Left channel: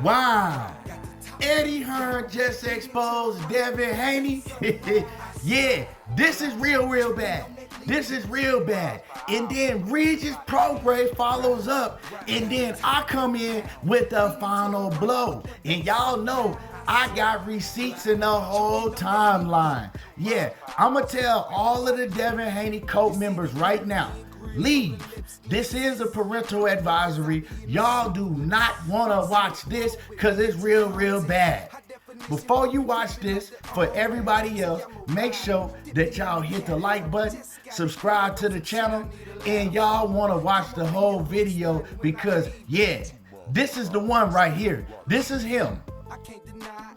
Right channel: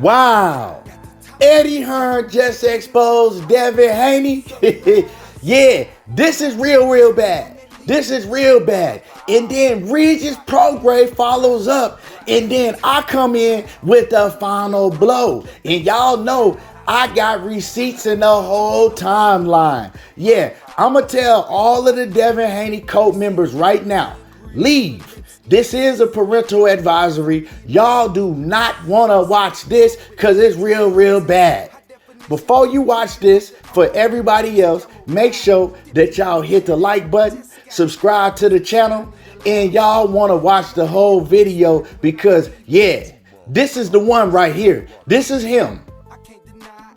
Wow. Eddie Hearn just exposed Devin Haney. Yeah, this is real bad. This is real bad. And then Regis Prograis follows up. And then I come in with the final blow. And y'all know I got receipts in the whole timeline. Yeah, I'm going to tell all of the Devin Haney cult members right now, leave. This is a parental advisory. Y'all do not want to watch this because it's real bad. Before you watch this, for everybody else, make sure that y'all hit the like button, subscribe to the channel, and y'all want to watch the whole video because, yeah, this is the one right here. This is him.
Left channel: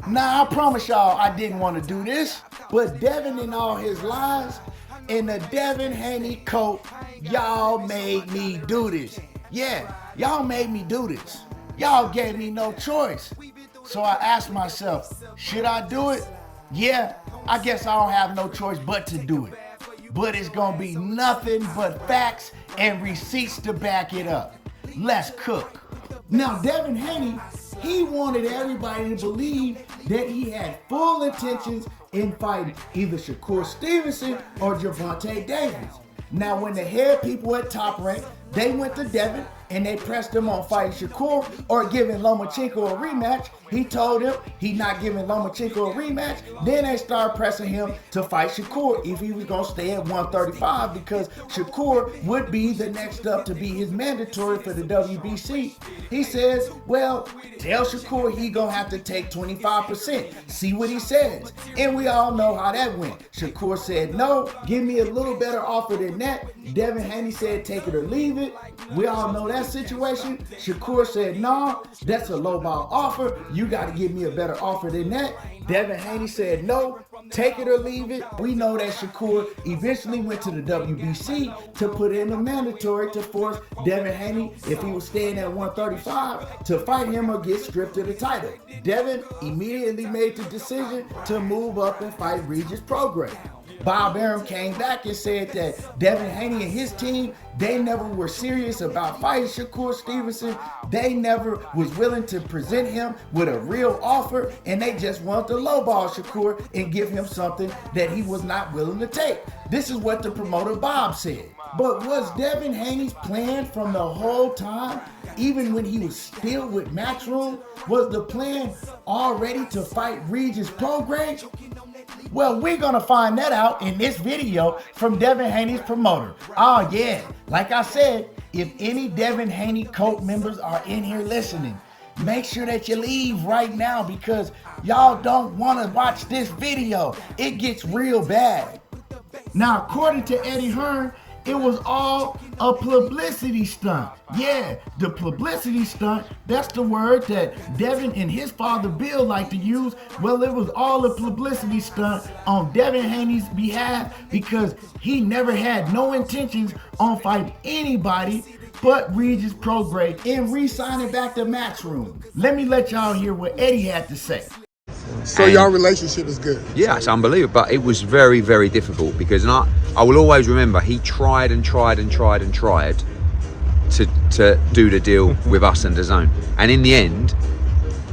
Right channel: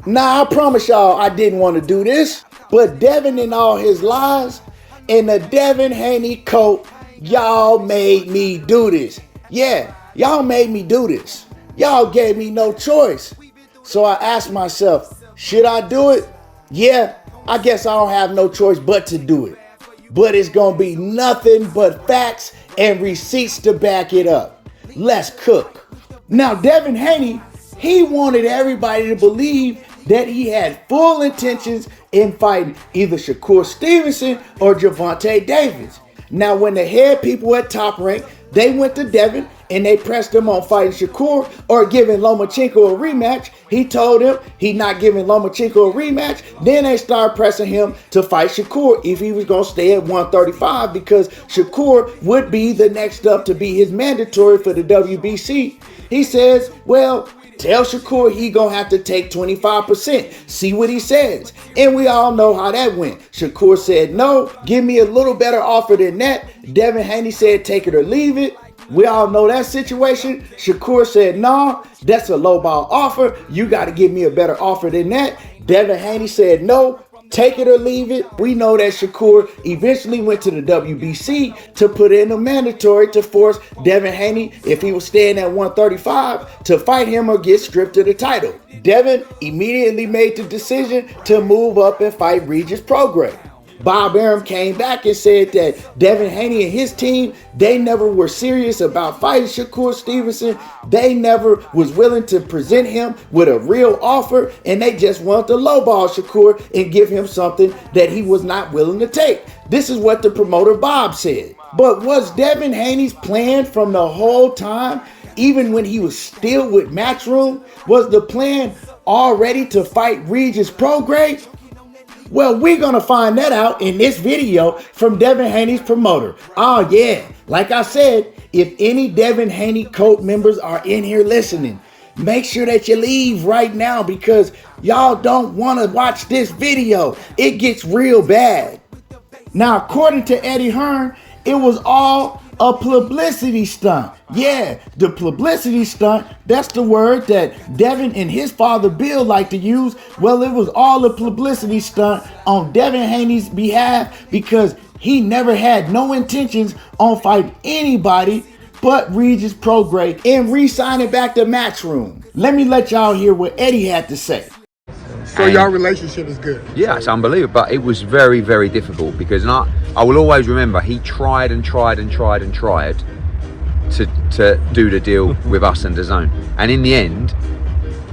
Now, I promise y'all I didn't want to do this, but Devin and all his lies and the Devin Haney cult, y'all made me do this. Yeah, y'all made me do this. Y'all gave me no choice. So I asked myself, should I do it? Yeah, I guess I don't have no choice but to do it. But it's gonna be nothing but facts and receipts to back it up. Let's cook. Now, Devin Haney, he wanted everybody to believe that he had full intentions in fighting either Shakur Stevenson or Gervonta Davis. Now, when the head people at Top Rank, they went to Devin and they pressed him on fighting Shakur or giving Lomachenko a rematch, he told them he not giving Lomachenko a rematch. Then they started pressing him to fight Shakur if he was going to stay at 135 because Shakur would be the next up to be his mandatory for the WBC. He says, well, tell Shakur he gonna have to take 25%. See what he says. And we all know how that went. Shakur said, no, give me a little better offer than that. Devin Haney said, take it or leave it. We all know that situation. Shakur said, no, that's a lowball offer. You got to give me a better offer than that. Devin Haney said, no, take it or leave it. We know that Shakur eventually went to the WBC to put in a mandatory to force Devin Haney, if he was staying at 135, to fight him or get stripped of the title. Devin immediately made the decision to move up and fight Regis Prograis. Bob Arum came back and said that Devin Haney and his team, they never were serious about fighting Shakur Stevenson. They never was willing to present him with a real offer, and they just wanted to lowball Shakur and give him something that he was not willing to take. This is what the promoter Bob said. But was Devin Haney's plan from the whole time, even when he was still with Matchroom, was the plan already to fight Regis Prograis? Well, we're going to find that out in this video from Devin Haney's promoter. Oh, yeah. Like I said, if any Devin Haney cult members are in here listening, make sure that you leave right now because y'all don't want to watch this video. It gets real bad. Now, according to Eddie Hearn, it was all a publicity stunt. Yeah, the publicity stunt, that's the word that Devin and his father Bill like to use. Well, it was all a publicity stunt on Devin Haney's behalf because he never had no intentions on fighting anybody but Regis Prograis and re-signing back to Matchroom. Let me let y'all hear what Eddie had to say. So your relationship is good. Yeah, it's unbelievable, but it was very difficult because I will always remember he tried to do the deal with us and DAZN, and in the end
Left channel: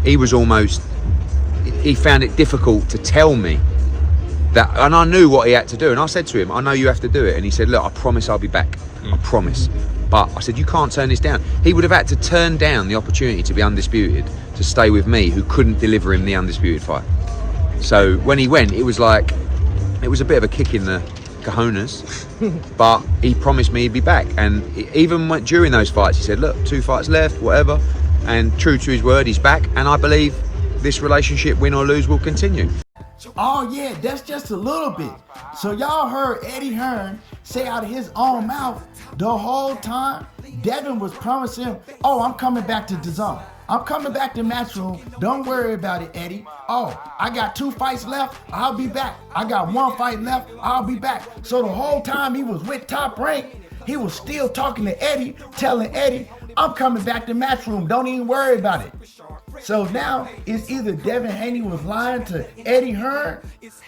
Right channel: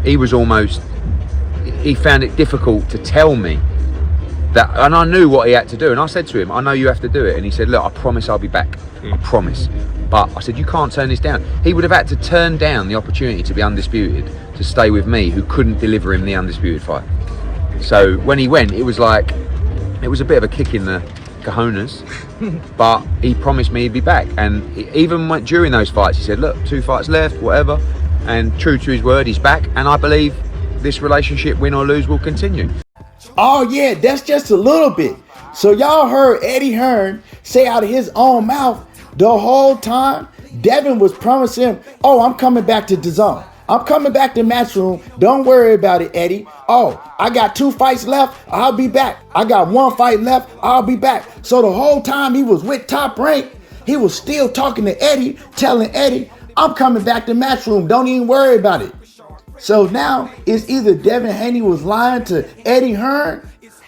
he found it difficult to tell me that, and I knew what he had to do, and I said to him, I know you have to do it, and he said, look, I promise I'll be back, I promise. But I said, you can't turn this down. He would have had to turn down the opportunity to be undisputed, to stay with me, who couldn't deliver him the undisputed fight. So when he went, it was a bit of a kick in the cojones, but he promised me he'd be back. And even during those fights, he said, look, 2 fights left, whatever. And true to his word, he's back. And I believe this relationship, win or lose, will continue. Oh yeah, that's just a little bit. So y'all heard Eddie Hearn say out of his own mouth the whole time Devin was promising him, oh, I'm coming back to DAZN. I'm coming back to Matchroom. Don't worry about it, Eddie. Oh, I got 2 fights left. I'll be back. I got 1 fight left. I'll be back. So the whole time he was with Top Rank, he was still talking to Eddie, telling Eddie, I'm coming back to Matchroom. Don't even worry about it. So now it's either Devin Haney was lying to Eddie Hearn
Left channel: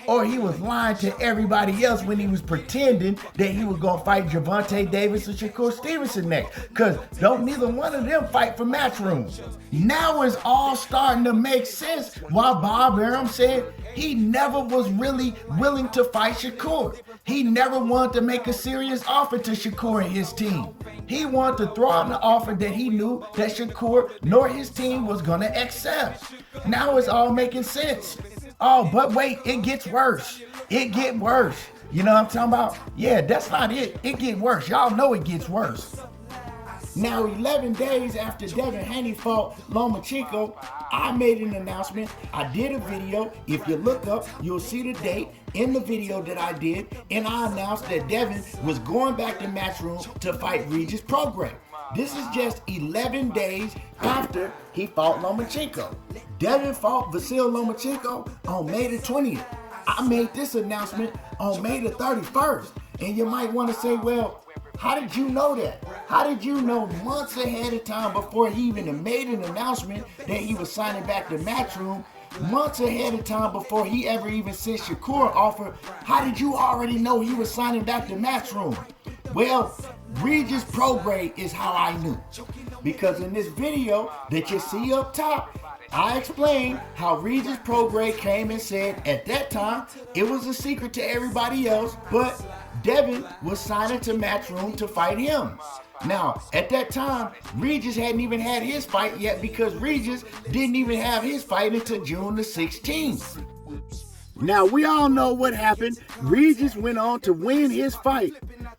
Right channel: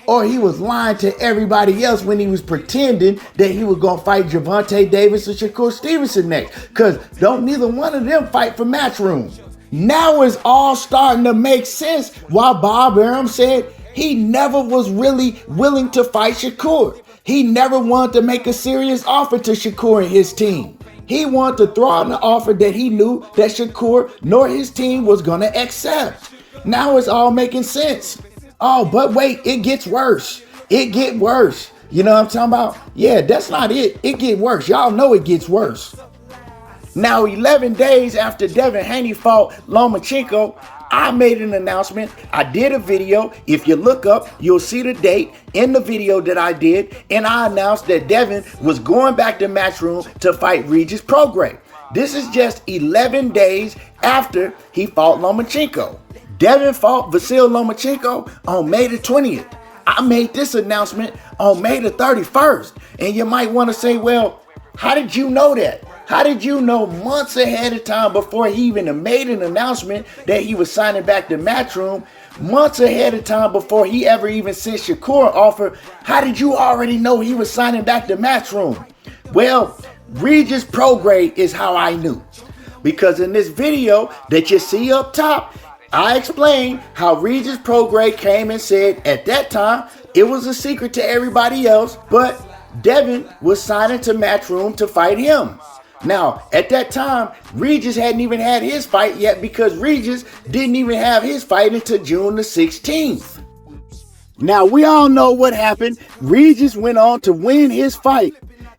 or he was lying to everybody else when he was pretending that he was going to fight Gervonta Davis or Shakur Stevenson next. Because don't neither one of them fight for Matchroom. Now it's all starting to make sense why Bob Arum said he never was really willing to fight Shakur. He never wanted to make a serious offer to Shakur and his team. He wanted to throw out an offer that he knew that Shakur nor his team was going to accept. Now it's all making sense. Oh, but wait, it gets worse. It get worse. You know what I'm talking about? Yeah, that's not it. It get worse. Y'all know it gets worse. Now, 11 days after Devin Haney fought Lomachenko, I made an announcement. I did a video. If you look up, you'll see the date in the video that I did. And I announced that Devin was going back to Matchroom to fight Regis Prograis. This is just 11 days after he fought Lomachenko. Devin fought Vasyl Lomachenko on May the 20th. I made this announcement on May the 31st. And you might want to say, well, how did you know that? How did you know months ahead of time before he even made an announcement that he was signing back to Matchroom? Months ahead of time before he ever even sent Shakur an offer, how did you already know he was signing back to Matchroom? Well, Regis Prograis is how I knew. Because in this video that you see up top, I explained how Regis Prograis came and said at that time it was a secret to everybody else, but Devin was signing to Matchroom to fight him. Now, at that time, Regis hadn't even had his fight yet because Regis didn't even have his fight until June the 16th. Now, we all know what happened. Regis went on to win his fight.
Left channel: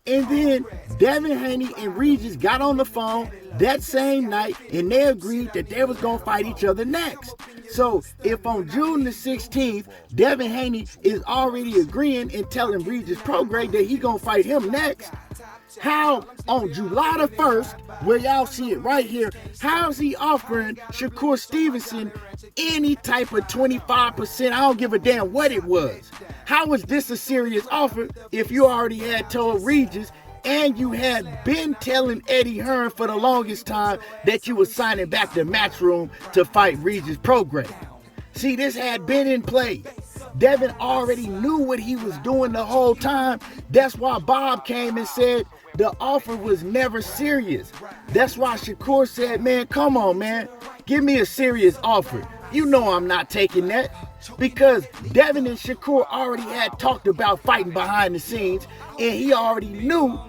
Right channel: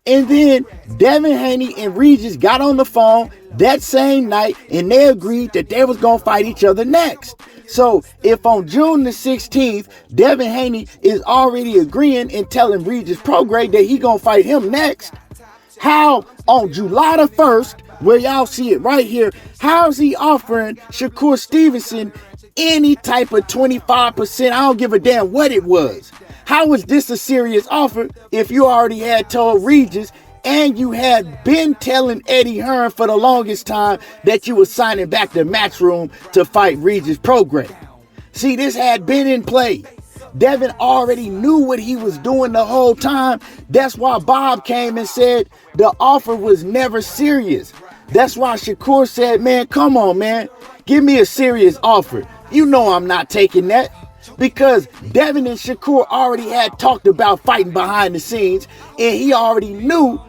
And then Devin Haney and Regis got on the phone that same night and they agreed that they was going to fight each other next. So if on June the 16th, Devin Haney is already agreeing and telling Regis Prograis that he going to fight him next, how on July the 1st, where y'all see it right here, how is he offering Shakur Stevenson any type of 25%? I don't give a damn what it was. How is this a serious offer if you already had told Regis and you had been telling Eddie Hearn for the longest time that you were signing back to Matchroom to fight Regis Prograis? See, this had been in play. Devin already knew what he was doing the whole time. That's why Bob came and said the offer was never serious. That's why Shakur said, man, come on, man. Give me a serious offer. You know I'm not taking that. Because Devin and Shakur already had talked about fighting behind the scenes, and he already knew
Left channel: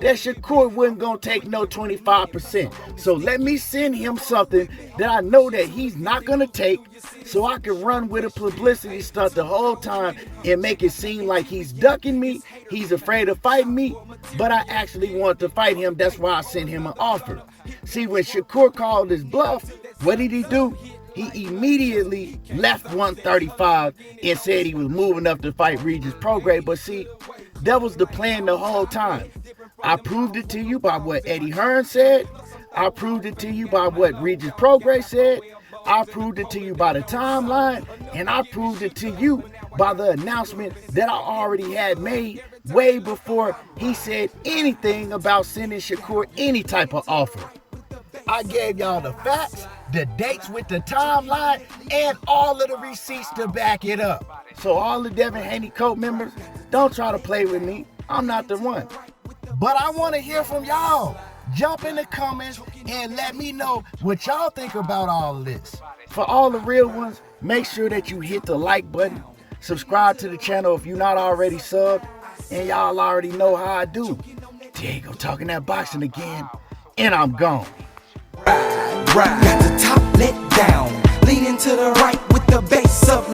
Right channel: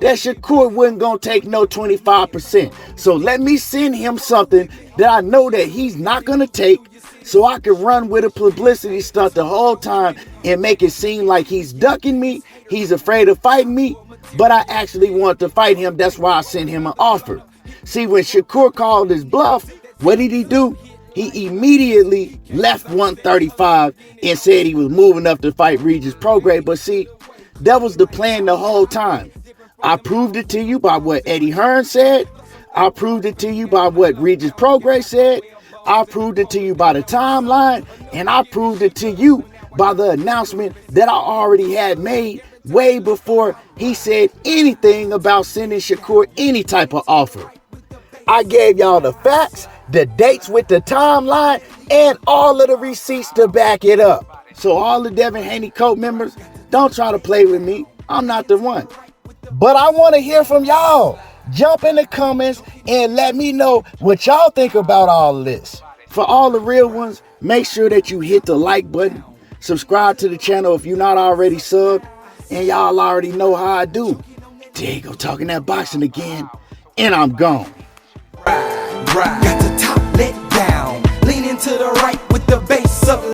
that Shakur wasn't going to take no 25%. So let me send him something that I know that he's not going to take so I can run with a publicity stunt the whole time and make it seem like he's ducking me, he's afraid of fighting me, but I actually want to fight him. That's why I sent him an offer. See, when Shakur called his bluff, what did he do? He immediately left 135 and said he was moving up to fight Regis Prograis. But see, that was the plan the whole time. I proved it to you by what Eddie Hearn said. I proved it to you by what Regis Prograis said. I proved it to you by the timeline. And I proved it to you by the announcement that I already had made way before he said anything about sending Shakur any type of offer. I gave y'all the facts, the dates with the timeline, and all of the receipts to back it up. So all the Devin Haney Code members, don't try to play with me. I'm not the one. But I want to hear from y'all. Jump in the comments and let me know what y'all think about all of this. For all the real ones, make sure that you hit the like button. Subscribe to the channel if you're not already subbed. And y'all already know how I do. Diego talking that boxing again. And I'm gone. Got the top let down, leaning to the right with the bass up.